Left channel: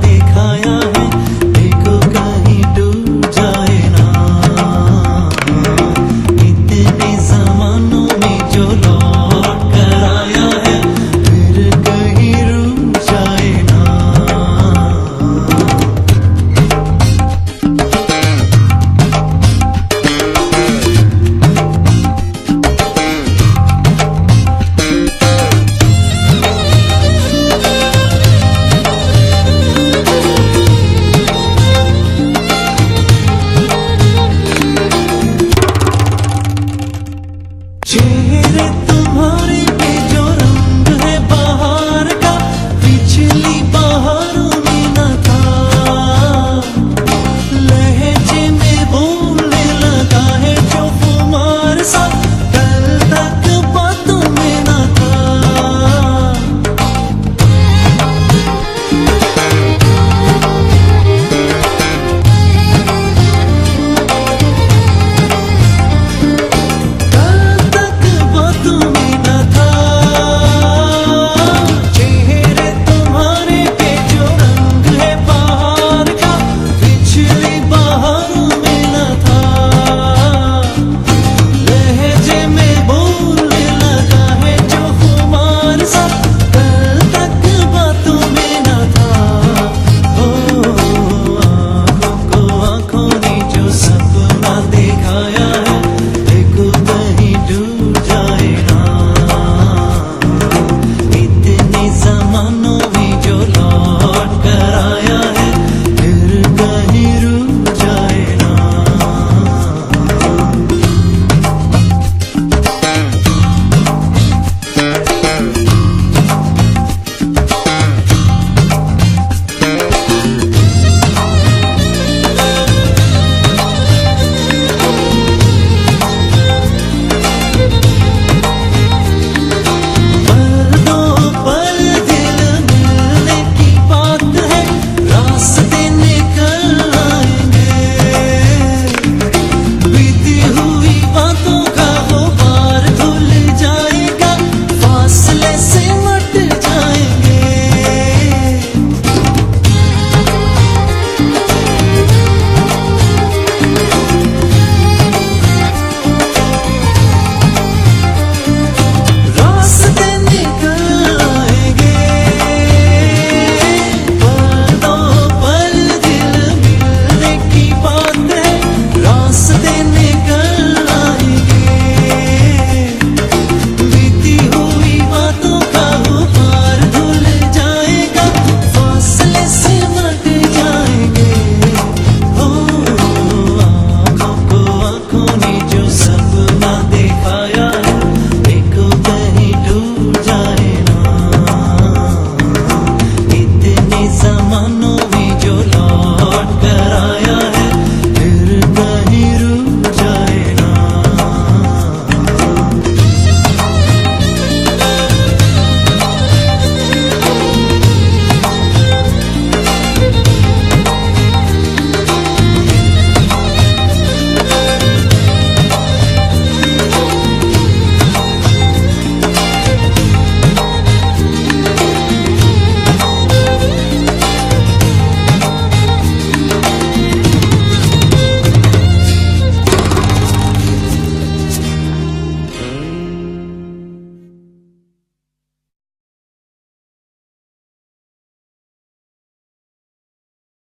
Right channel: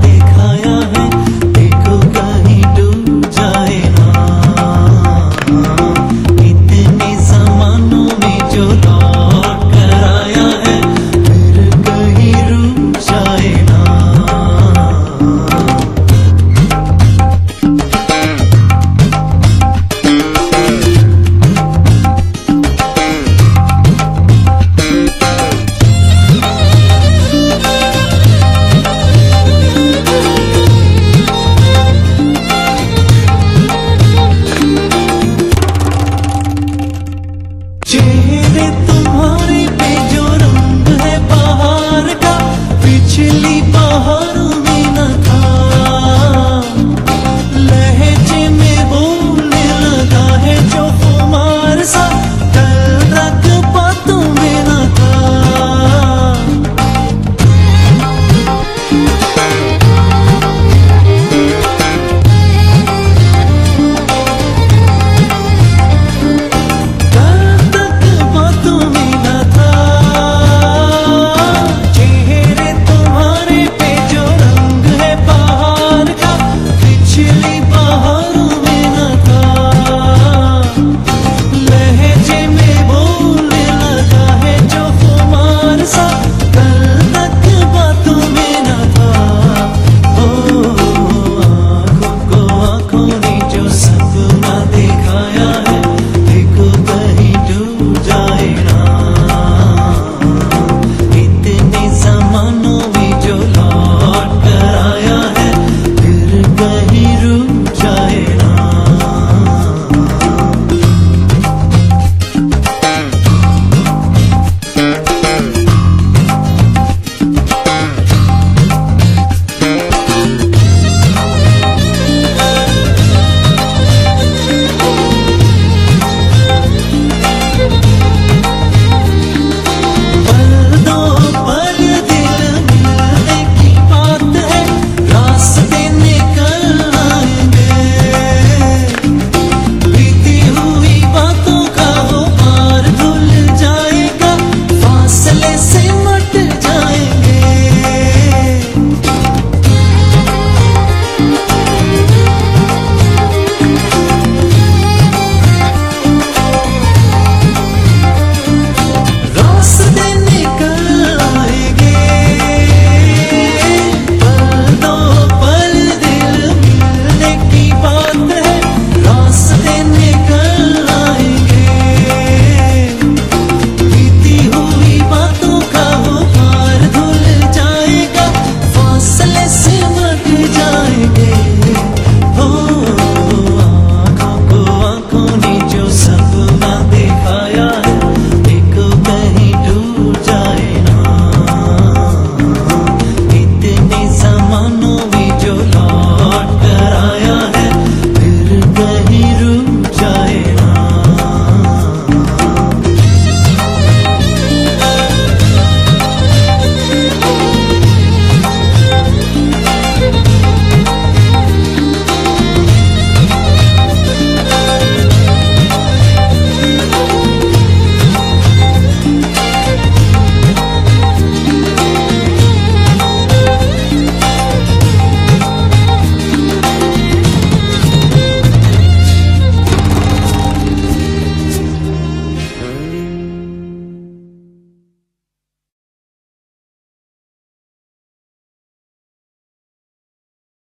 दिखाया है, देखो कहीं डूब जाए ना। इतने जमानों में जो लौट कर आया है, फिर कहीं रुक जाए ना। चेहरे तुम्हारे पे जो रंग है बाहर का, पिछली बहारों में न था। लहजे में बोलने लगा है जो खुमार सा, कल तक बातों में न था। चेहरे तुम्हारे पे जो रंग है बाहर का, पिछली बहारों में न था। लहजे में बोलने लगा है जो खुमार सा, कल तक बातों में न था। ओ आंखों को आंखों ने जो सपना दिखाया है, देखो कहीं डूब जाए ना। इतने जमानों में जो लौट कर आया है, फिर कहीं रुक जाए ना। पल दिल मिलने की बात है, रास्ते निकल आएंगे। बीती हुई बातों का गुबार धुल जाएगा, फासले से मट जाएंगे। रास्ते निकल आएंगे, पल दो पल दिल मिलने की बात है, रास्ते निकल आएंगे। बीती हुई बातों का गुबार धुल जाएगा, फासले से मट जाएंगे। हो आंखों को आंखों ने जो सपना दिखाया है, देखो कहीं डूब जाए ना। इतने जमानों में जो लौट कर आया है,